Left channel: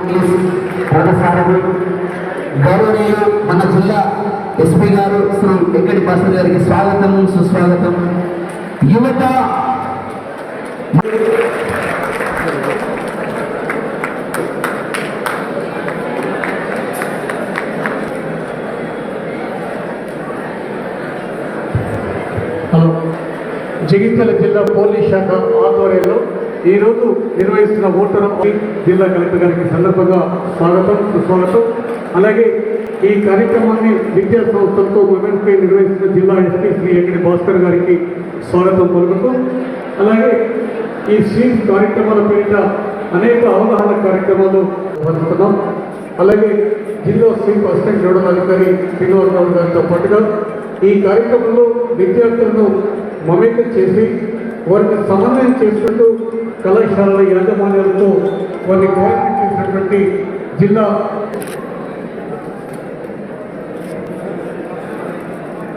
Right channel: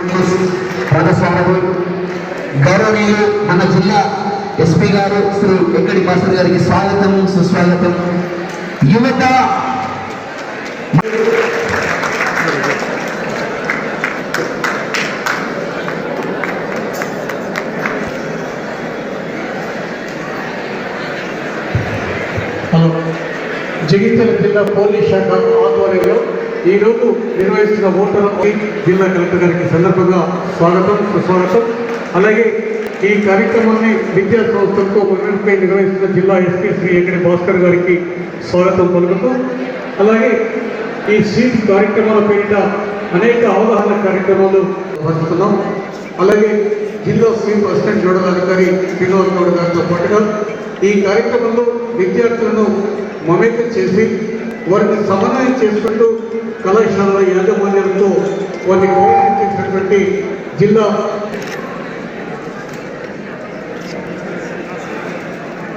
రథసారథి గౌరవనీయులు మన జిల్లా ఎస్పీ గారు శ్రీ వెంకటి భాస్కర్ గారికి స్వాగతం సుస్వాగతం. యువత హలో. జగిత్యాల జిల్లా పోలీస్ శాఖ ఆధ్వర్యంలో ఈరోజు నిర్వహిస్తున్న ఓటర్ జిల్లా కలెక్టర్ గారికి సందర్భంగా స్వాగతం సుస్వాగతం. అలాగే ఈ కార్యక్రమాన్ని విద్యా సంస్థలతో మనంపై నిర్వహిస్తున్న జిల్లా ఎస్పీ శ్రీ ఎక్కడి భాస్కర్ గారికి స్వాగతం పలుకుతూ అలాగే ఈ స్వీప్ కార్యక్రమాల పేరిట అనేక అవగాహన కార్యక్రమాలు జరుపుతున్నాం అలాగే జిల్లా స్వీప్ అసిస్టెంట్ నోడల్ అధికారి శ్రీనివాస్ గౌడ్ గారితో పాటుగా ఈ కార్యక్రమంలో విద్యార్థులను మమేకం చేసి వారిని సమన్వయం చేసుకుంటూ కళాశాలల యాజమాన్యాలతో వారిని కోఆర్డినేట్ చేసినటువంటి జిల్లా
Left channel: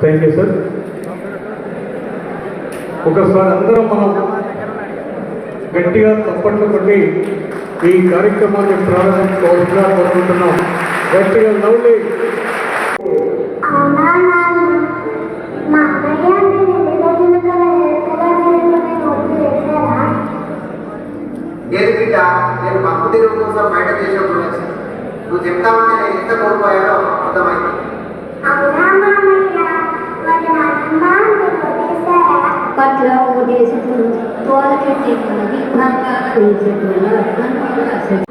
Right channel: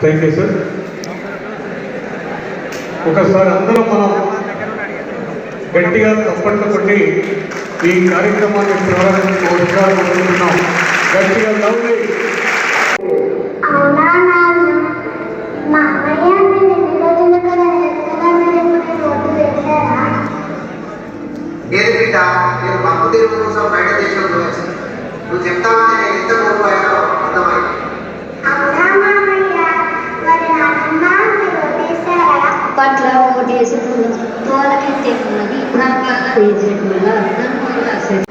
థ్యాంక్ యూ సార్ ఒకసారి అందరం మనం గట్టిగా తప్పట్లు కొట్టి ఈ కార్యక్రమాన్ని ప్రారంభించవలసిగా కోరుకుంటున్నాం గట్టిగా లవ్లీ తెరువు కోసం బయట చేసినప్పుడు వచ్చింది. నువ్వు చెప్తామంటే నేను ఎంత కోల్పోయానో అర్థమైంది. అప్పట్లో ఓటేసి వేసేటి వల్ల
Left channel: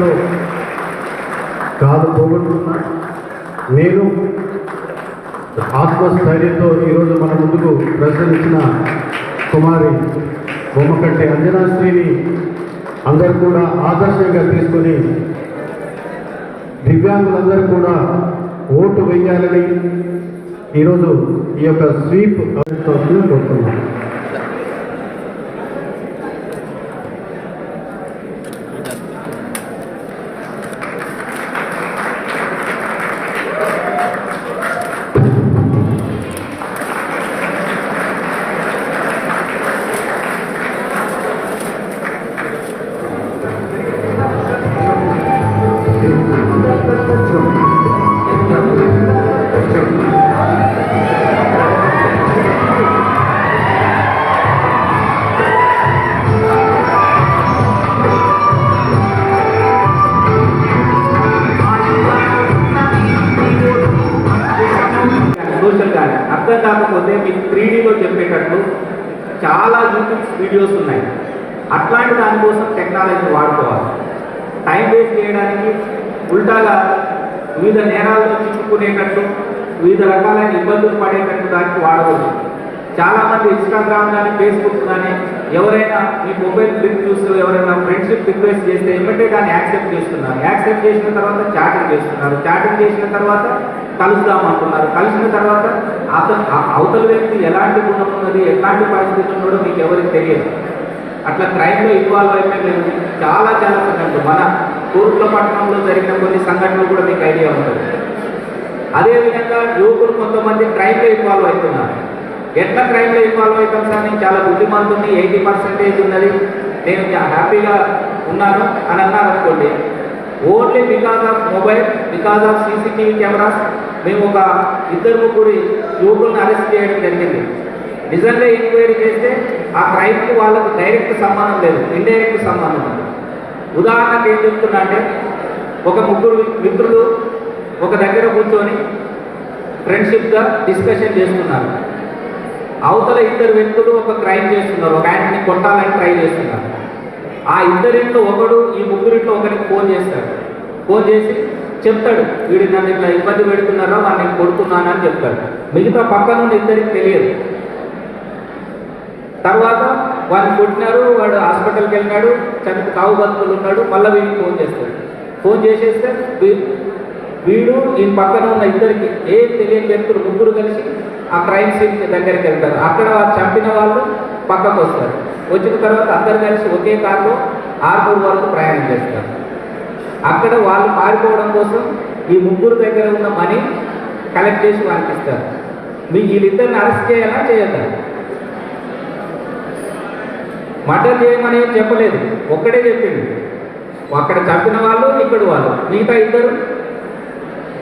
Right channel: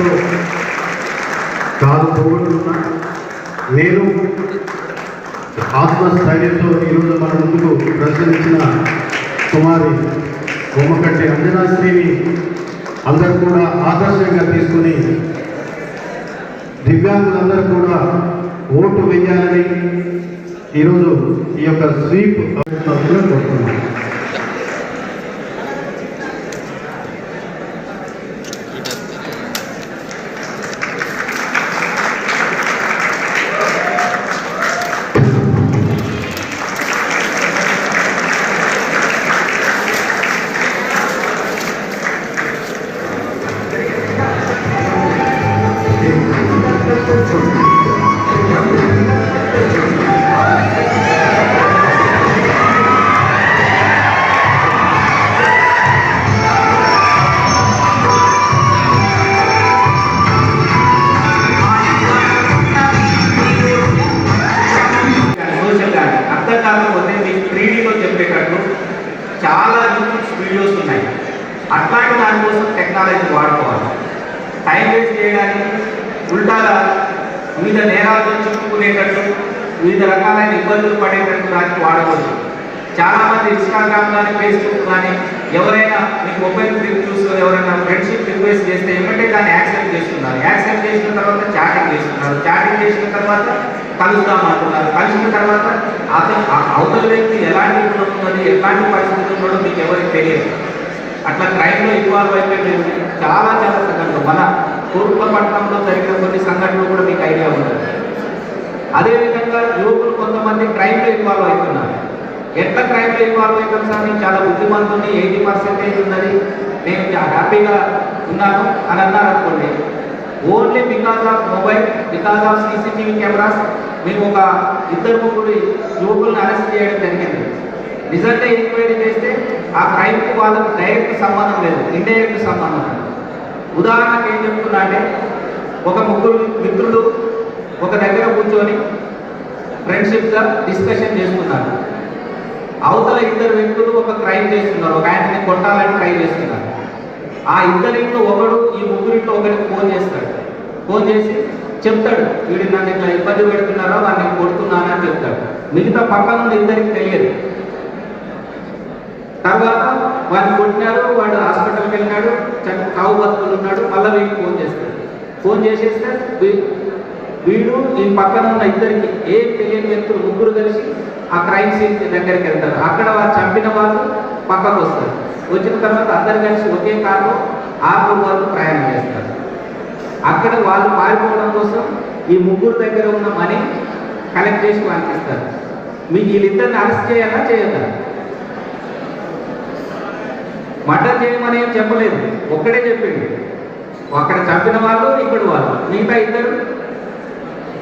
చిన్నతనంలో కాదు పోగొట్టుకున్నా నేను ఆత్మస్థైర్యంతో ఈరోజు మన ముందుకు ప్రదర్శనించిన కుమారి బొమ్మకంటి అంజనాశ్రీని అందరూ కూడా ఆదర్శంగా తీసుకుని దివ్యాంగులందరూ కూడా ఓటు వేయాలని ఈరోజు ఈ యొక్క స్వీప్ కోరుతున్నాను. అంతర్జాలంలోనే మీకు త్రీడీలో చెప్పేటట్టు చాలా యూట్యూబ్ వీడియోస్ ఉన్నాయి. అట్లాంటి దానికోసం టెక్నాలజీ వాడుకోవాలి. టైం వేస్ట్ చేయడానికి ఉల్టాల వివిధ నేరాలను చిక్కుకునేటట్టు వివిధ రకాలైన ఇబ్బందులు పడేటట్టు దానికి వాడకూడదు. చాలామంది ఇన్స్టాగ్రామ్ కానీ ఫేస్బుక్ కానీ ఎవరైనా మీ మొబైల్ రివ్యూస్లో ఎవరైనా ఫ్రెండ్షిప్ రిక్వెస్ట్ చేస్తే ఏమంటే దాన్ని యాక్సెప్ట్ చేస్తున్నారు. యాక్సెప్ట్ చేసిన తర్వాత చాటింగ్ చేస్తున్నారు. చాటింగ్ చేసిన తర్వాత కలుద్దాం అవతల వ్యక్తి ఎలాంటి ఉంటుందని ఎలాంటి పరిస్థితి ఉన్నదో మీకు ఎవరికి తెలియదు. అట్లా క్రైమ్లో ఇన్వాల్వ్ అయిపోయిన చాలా చాలా సంఘటనలు. మన తూర్పుల పట్టణంలో జరిగిన కొన్ని సంఘటనలు కూడా మీకు ఐడియా ఉంటుంది అదేవిధంగా యువకులు కొంతమంది క్రైమ్లో ఇన్వాల్వ్ అవుతున్నారు. ఎంత క్రైమ్లో ఇన్వాల్వ్ అవుతాం సార్? నేను చాలా బుద్ధిమంతుంది ఎయిటీ పర్సెంటేజ్ ఉన్నది. నేను హ్యాపీగా ఉన్నాను అని అన్నారు అనుకోండి. Only because of mobile because of CCTV cameras మేము ఒక ఇద్దరు ముగ్గురు యువకులను అరెస్ట్ చేయడం జరిగింది. నిజంగా ఎంక్వైరీ చేస్తే ఆ క్రైమ్కి వాళ్ళకి డైరెక్ట్ సంబంధం లేదు ఇండైరెక్ట్ సంబంధం లేదు. ఉదాహరణకు ఏం చెప్తున్నా అంటే ఒక ముగ్గురు మిత్రులు ఒక దగ్గర కూర్చొని ఫ్రెండ్షిప్గా డిస్కషన్ చేస్తున్నారు. అవతల ఇద్దరు వ్యక్తులు ఒక క్రైమ్ చేస్తున్నారు ఒక ఆయనని కొట్టాలని ట్రై చేస్తున్నారు. ఆ ఇద్దరింట్లో ఒకడు ఈ ముగ్గురింట్లో ఒకరికి ఫోన్ చేస్తాడు. ఫోన్ చేసి చెప్తాడు. వీడి నన్ను ఇట్లా ఇబ్బంది పెడుతున్నారో నన్ను నేను అని చెప్తాడు. మిగతా పక్కన ఇద్దరికి తెలియదు. తర్వాత వాడిని కొట్టినారు వాడు హాస్పిటల్కి వెళ్ళినాడు చని కావు బతుకులు ఉన్నాడు మళ్ళీ వీడికి ఫోన్ చేస్తాడు. ఫోన్ చేసేస్తే వీడు ఈ పక్కన ఉన్న ఇద్దరికి ఏం తెలియని వ్యక్తులు ముగ్గురు కలిసి ఆ క్రైమ్ సీన్ దగ్గరికి వెళ్తారు. అక్కడ వాళ్ళు చంపిన వాళ్ళు పక్కకు వస్తారు. వచ్చిన తర్వాత అందరు కలిసి ఒకే కారులో ఆర్మూర్ వరకు ప్రయాణం చేస్తారు. అక్కడ వాళ్ళు పారిపోవడం కోసం ఈ ముగ్గురు దగ్గర ఉన్న మనీ కలెక్ట్ చేసి వాళ్ళకి ఇస్తారు. మీ వీళ్ళిద్దరిని అరెస్ట్ చేయాలా చేయొద్దా? మర్డర్ చేయమని ఏం చెప్పలేదు. ఒక్కడే చెప్పిండు. అక్కడ చంపిన వాళ్ళు ఇక్కడ వాళ్ళు. మిగతా ఇద్దరు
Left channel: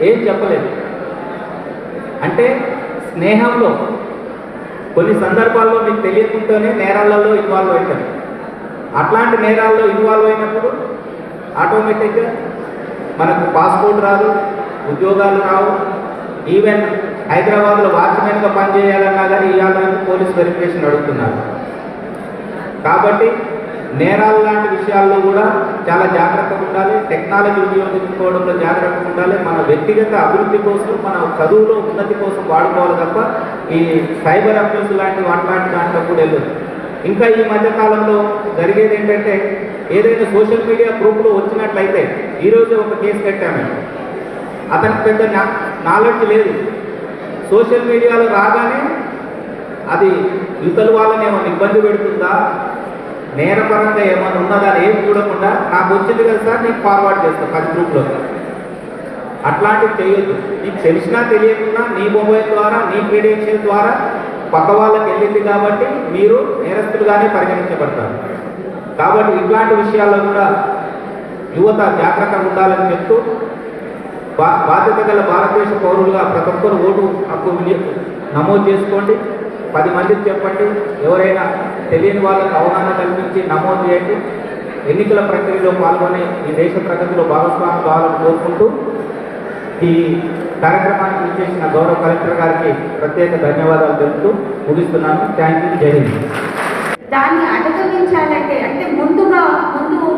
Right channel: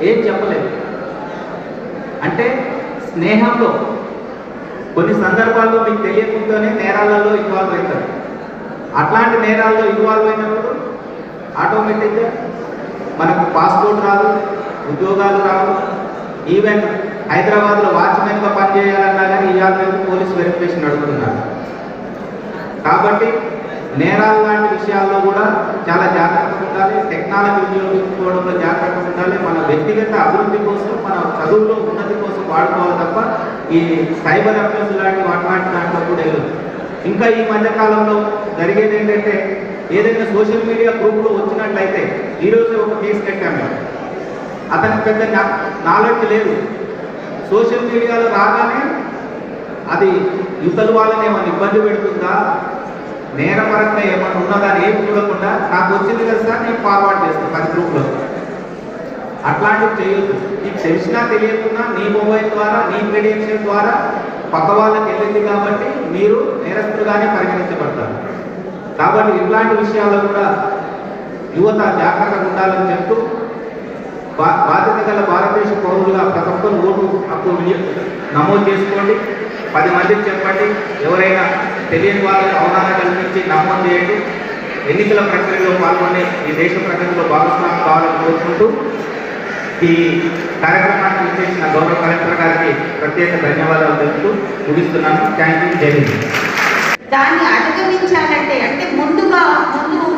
ఏం చెప్పలేదు. అంటే స్నేహంలో కొన్ని సందర్భాల్లో మీకు తెలియకుండానే నేరాలలో ఇన్వాల్వ్ అవుతారు. అట్లాంటి నేరాల్లో ఇన్వాల్వ్ అయినప్పుడు ఆటోమేటిక్గా పాస్పోర్ట్ రాదు ఉద్యోగాలు రావు. ఈవెన్ హైదరాబాద్లో వాచ్మెన్గా పనిచేయాలన్నా కానీ ఇవాళ పోలీస్ వెరిఫికేషన్ అడుగుతున్నారు. కాబట్టి నేరాలు లాంటి విషయాల్లో కూడా చాలా జాగ్రత్తగా ఉండాలి. టెక్నాలజీ వినియోగించుకోవడంలో జాగ్రత్తగా ఉండాలి. మన వ్యక్తిగత అభివృద్ధి కోసం మన చదువులో ఉన్నతి కోసం వాడుకోవాలి తప్ప ఈ సైబర్ అఫెన్స్ లాంటి అట్లాంటి దాంట్లో కూడా వెళ్ళదు ఇంకా ఈ మధ్య కాలంలో జరిగేది ఏంటంటే ఏదైనా సోషల్ మీడియా గ్రూపులు వచ్చినట్లయితే ఈరోజు ఒక కేసు కట్టాము అతనికి పెద్ద నాలెడ్జ్ లేదు. సోషల్ మీడియాలో రాగానే అది యువతల వాళ్ళని ఏమైనా ఇబ్బంది పెడుతుందా? నేరపరంగా ఏమైనా ఉన్నదా అని ఏం చూడకుండా నాకు వచ్చింది కదా సార్ నేను ఫార్వర్డ్ చేస్తాను పది గ్రూప్లో. అట్లాంటివి చేయొద్దు. నీకు తెలిసినా తెలియకుండా నీ మొబైల్ ద్వారా నీ క్రెడెన్షియల్ ద్వారా పక్క వాళ్ళకి వెళ్ళింది కాబట్టి మీరు నేరస్తులుగానే పరిగణించబడతారు. కాబట్టి ఇట్లాంటి విషయాల్లో కూడా యువత జాగ్రత్తగా ఉండాలని చెప్తూ బా- బాధ్యత గల భారతదేశ పౌరులుగా ప్రతి ఒక్కరు ఓటు హక్కు నమోదు చేసుకోండి. పది మందికి చెప్పండి. ఎవరైనా తెలియని వాళ్ళకి అవగాహన కల్పించి నమోదు చేయండి. ఎన్నికల ప్రక్రియలో పాల్గొని ఈ దేశ ప్రగతిలో భాగస్వామ్యం కావాలని కోరుకుంటూ ఈ కార్యక్రమాన్ని చేసిన గౌరవ కలెక్టర్ గారికి ప్రత్యేక ధన్యవాదాలు తెలుపుతూ ముగిస్తున్నాను. థ్యాంక్ యూ జై హింద్ దాన్ని అధిగమించాలంటే అంటే ముందుగా ముందు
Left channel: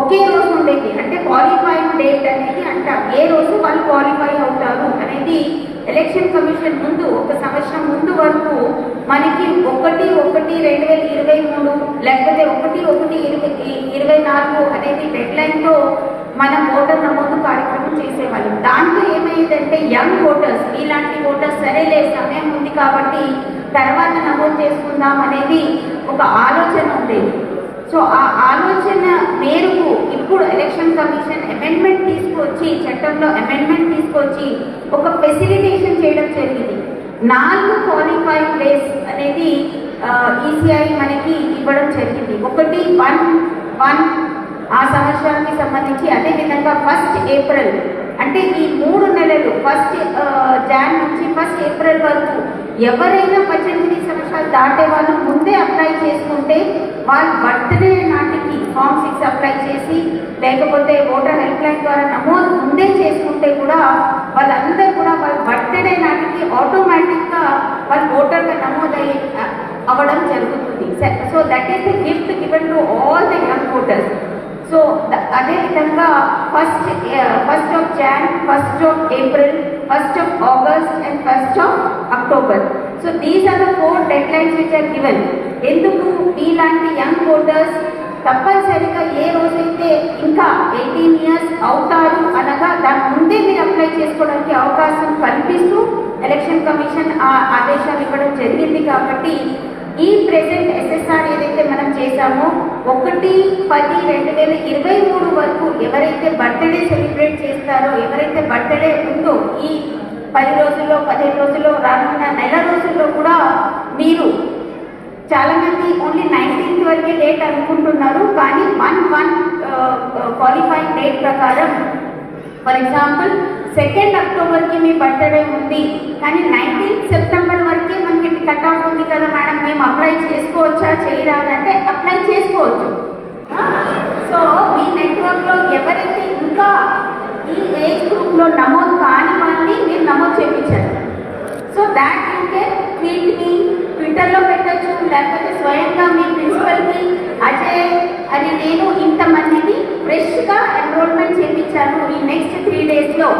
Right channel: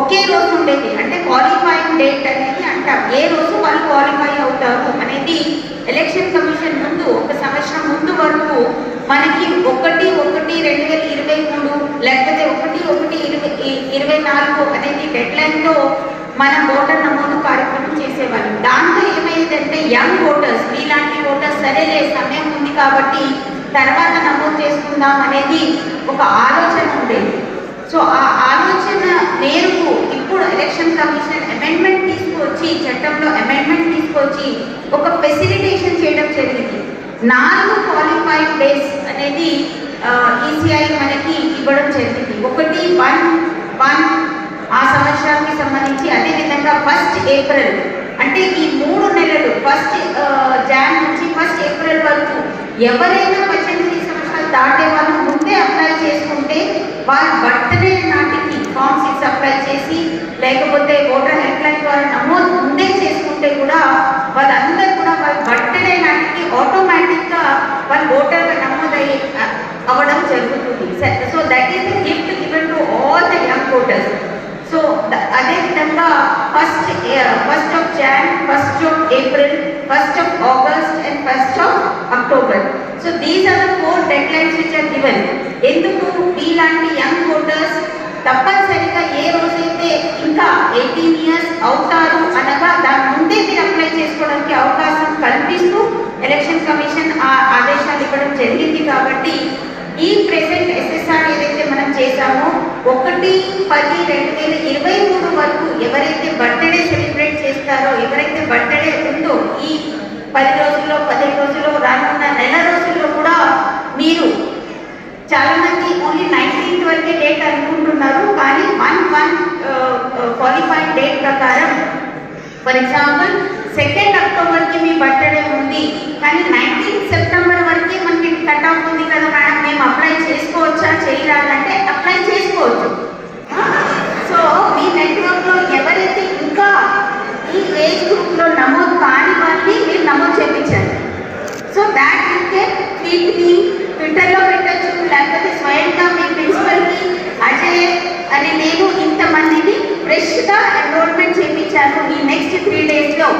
ఒకే రోజు ఉండేది. అంటే క్వాలిఫైయింగ్ డేట్ అనేది అంటాం. ఏ రోజు వాళ్ళు క్వాలిఫై అవుతారు అనేది ఎలక్షన్ కమిషన్ ముందు ఒక సంవత్సరం ముందు వరకు మనకి ఒకటి ఒకటి రెండు వేల ఇరవై మూడు లేకపోతే ఒకటి ఒకటి ఇరవై ఇరవై నాలుగు అనేది డెడ్ లైన్తో మనం ఓటర్ నమోదు కార్యక్రమం చేసేవాళ్ళం. ఏంటంటే యంగ్ ఓటర్స్ మీలాంటి ఓటర్స్ సరేలే సమయం ఉంది కాబట్టి తర్వాత నమోదు చేసుకుందాం అనేది ఒక ఆలోచన ఉండేది సో ఆ ఆలోచన మేరకు ఇప్పుడు ఎలక్షన్ కమిషన్ అమెండ్మెంట్ తీసుకొచ్చి చట్టంలో అమెండ్మెంట్ తీసుకొచ్చి ఒక ఫెసిలిటేషన్ చేయడం జరిగింది. నాలుగు క్వాలిఫైడ్ డేస్ అనేది ఈసీఐ మనకి ఇవ్వడం జరిగింది. ఒకటి వన్ వన్ ఆ సంవత్సరానికి సంబంధించి అదేవిధంగా ఫస్ట్ ఏప్రిల్ అంటే ఈ మూడు నెలలు ఫస్ట్ జాన్ uh, నుంచి ఫస్ట్ ఏప్రిల్ వరకు ఎవరైనా పద్దెనిమిది సంవత్సరాలు దాటే వాళ్ళు ముందే అప్లై చేసుకుంటే వాళ్ళ బర్త్డే నాటికి ఫామ్ సిక్స్ అప్లై చేసి లేకపోతే ఓటర్ హెల్ప్ లైన్ ద్వారా నమోదు ముందే చేసుకుంటే కూడా వాళ్ళందరూ కూడా వాళ్ళ బర్త్డే నాటికి ఆటోమేటిక్గా వాళ్ళు ఓటర్గా నమోదయ్యే అవ్వడం జరుగుతుంది. So that is the so అదేవిధంగా first first of Jan first of April first of August and first of October so these are the four deadlines which are given ఎందుకు? మీలాంటి యంగ్ ఓటర్స్ తప్పనిసరిగా ఏ రోజైతే ఇంకా ఎయిటీన్ ఇయర్స్ అవుతారు అనగా దాని ముందే మీరు అప్లై చేసుకోవడానికి అవకాశం కల్పిస్తూ ఎలక్షన్ కమిషన్ ఆ ఆదేశాలు ఇవ్వడం జరిగింది కాబట్టి ఈ ప్రెసెంట్ ఎస్ఎస్ఆర్ ఏదైతే మనం చేశామో ఒకటి పది రెండు వేల ఇరవై మూడు వరకు ఎవరైతే బర్త్డే సెలబ్రేట్ చేస్తారో ఎవరైతే బర్త్డే ఉందో ఈ పది రోజుల్లో పదిహేను రోజుల్లో రానున్న నెల రోజుల్లో కూడా మీరు చాలా మంది ఓన్లీ నైన్టీన్త్ వరకే డేట్ అనుకుంటున్నారు కానీ వన్ వన్ క్వాలిఫైడ్ డేట్ ప్రకారం ఫర్ ఎగ్జాంపుల్ సెకండ్ అక్టోబర్కి మీ బర్త్డే ఉంది కానీ నైన్టీన్త్ సెప్టెంబర్ వరకే మనకి కట్ ఆఫ్ ఉంది కదా మేడం మేము అప్లై చేసుకోవచ్చా చేయరాదంటే అప్లై చేసుకోవచ్చు. సో మీ నెట్వర్క్లో ఎవరైతే ఇంకా ఈ ఏజ్ గ్రూప్లో నమోదు కాని వాళ్ళని మీరు నమోదు చేయించారు సో దాట్ ఇంకే వీటిని ట్విట్టర్లో పెట్టచ్చు లేకపోతే స్వయంగా మీ ప్రిన్సిపల్కి అజయ్ అని నేను ఇంతమందిని ఫ్రెష్గా ఎన్రోల్మెంట్ చేయించాను ఈ నెక్స్ట్ త్రీ డేస్లో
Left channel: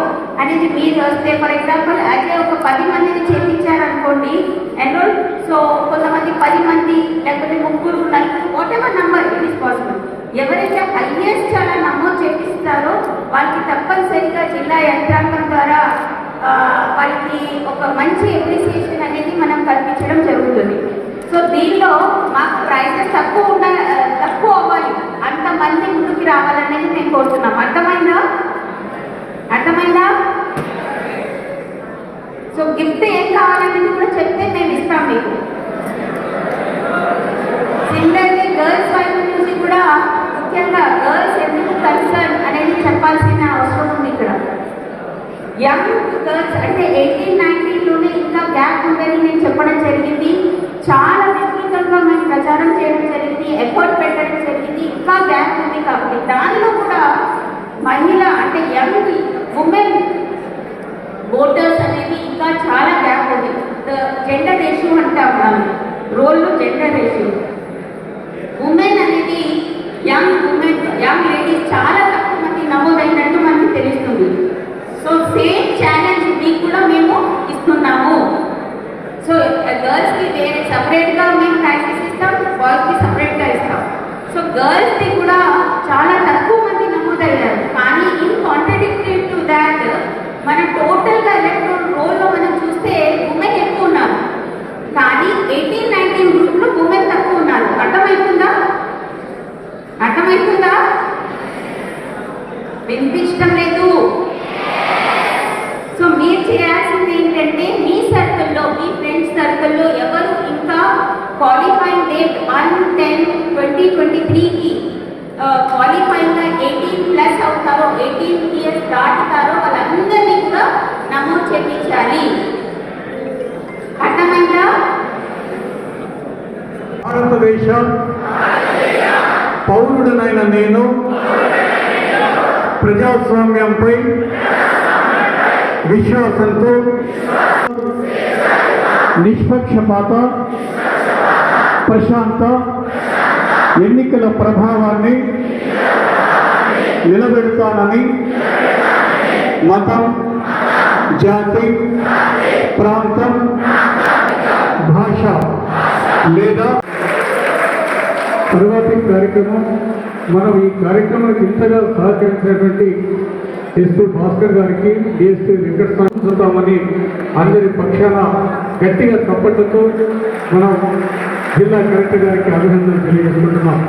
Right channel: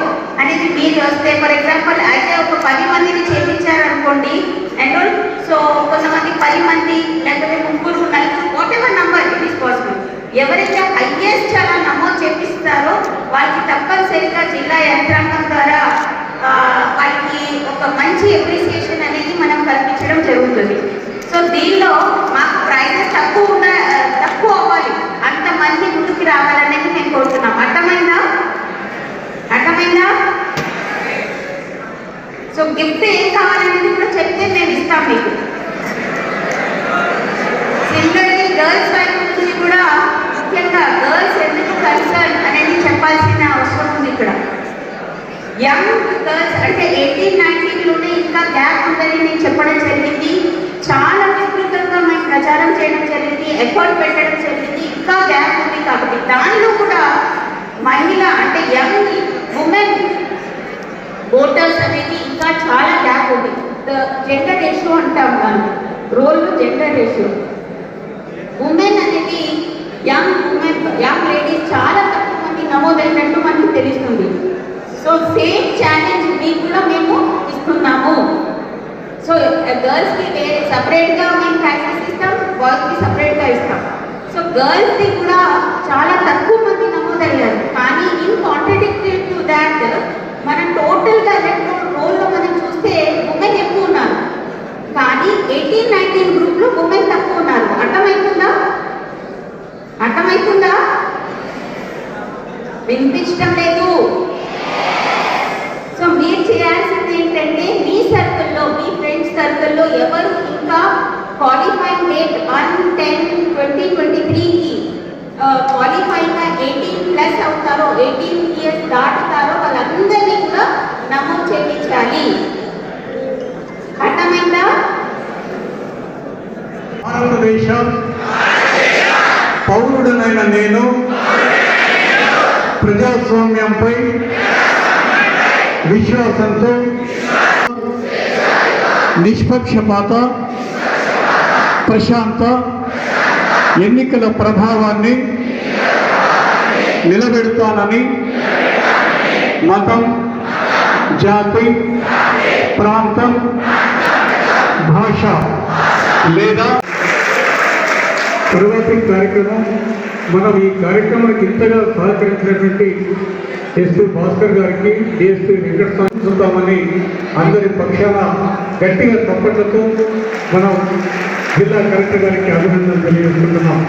అనేది మీరు వస్తే ఫర్ ఎగ్జాంపుల్ అజయ్ ఒక పది మందిని చేయించారు. అనుకోండి ఎన్రోల్ సో కొంతమంది పది మంది లేకపోతే ముగ్గురు నలుగురు whatever number it is possible ఎవరైతే హైయెస్ట్ చాలా నమోదు చేపిస్తారో వాళ్ళకి తప్పనిసరిగా జిల్లా యంత్రాంగం ద్వారా వాళ్ళకి ఒక మంచి అప్రిసియేషన్ అనేది మనం కల్పించడం జరుగుతుంది. సో దీనిలో మాకు ప్రైజెస్ తక్కువ ఉన్న తక్కువ అవ్వాలి. అంతమంది ముందుకు రావాలనేది మేము కోరుతున్నాం. అర్థమైందా? అర్థమైందా? సో గిఫ్ట్ ఏం కావాలనేది కూడా చెప్తే మేము ఇస్తాం మీకు. సిమిలర్లీ గర్ల్స్ వైపు నుంచి కూడా ముఖ్యంగా గర్ల్స్ ఎందుకు కన్సర్న్ అనేది చెప్పాల్సిన అవసరం ఉంది ఇక్కడ. యంగ్ గర్ల్స్ అంటే ఎయిటీన్ నైన్టీన్లోనే ఇంకా గ్యాప్ ఉందని నేను చెప్పడం జరిగింది. చాలా విస్తృతంగా మేము ప్రచారం చేయడం జరిగింది ఎఫర్ట్ పెట్టడం జరిగింది ఇంకా గ్యాప్ ఉంది కాబట్టి దానిలో కూడా మహిళ అంటే యంగ్ ఉమెన్ ఓటర్స్ అనేది ఇంకా చాలా గ్యాప్ ఉంది. జెండర్ రేషియో అంటాం మనం. రోల్లో జెండర్ రేషియో ఉమెన్ అనేది యంగ్ ఉమెన్ యంగ్ లేడీస్ చాలా తక్కువ మంది నమోదైనట్టు మనకు తెలుస్తుంది. సో సేమ్ ఛాలెంజ్ మీకు కూడా మేము ఇస్తున్నాము. సో గర్ల్స్కి వేరే సపరేట్గా మేము యాక్సెస్ ఇస్తాం బాయ్స్కి సపరేట్గా ఇస్తాం. సో గర్ల్స్కి కూడా చాలా తక్కువ మంది నమోదయ్యారు. కానీ ఇన్ కాంట్రడిక్టెడ్ మన టోటల్గా ఎలక్ట్రాన్ రోల్లో మనం చూస్తే ఉమెన్ ఎక్కువ ఉన్నారు. కానీ ఎయిటీన్ నైన్టీన్ గ్రూప్లో ఉమెన్ తక్కువ ఉన్నారు. అర్థమవుతుందా అర్థమవుతుందా వినిపించడం లేదు సో మీరు చేయాల్సింది ఏంటంటే మీ సర్కిల్లో మీ ఫ్రెండ్స్ సర్కిల్లో ఎవరు ఇంకా qualifying date one ten twenty twenty త్రీకి క్వాలిఫైయింగ్గా ఎయిటీన్ ప్లస్ అవుతారో ఎయిటీన్ ఇయర్స్ దాటుతారో వాళ్ళందరినీ కూడా నమోదు చేయించాలి అర్థమైందా భారతదేశ పౌరుడునైన నేను. ప్రజాస్వామ్యంపై విశ్వాసంతో నిష్పక్షపాత ప్రశాంత ఎన్నికల ప్రభావాన్ని నిలబెడతానని మతం జాతి ప్రాంతం భాష లేదా తరువాతి కార్యక్రమం మనం ఈ కార్యక్రమానికి ఇంతగా సహకరించినటువంటి ఎస్పీ భాస్కర్ గారికి డిఎస్పీ వెంకట సంస్కృతామని అందరి పక్షాన గట్టిగా తప్పట్లతో మన జిల్లా కలెక్టర్ గారికి అభినందనలు తెలియజేసుకుంటున్నాం.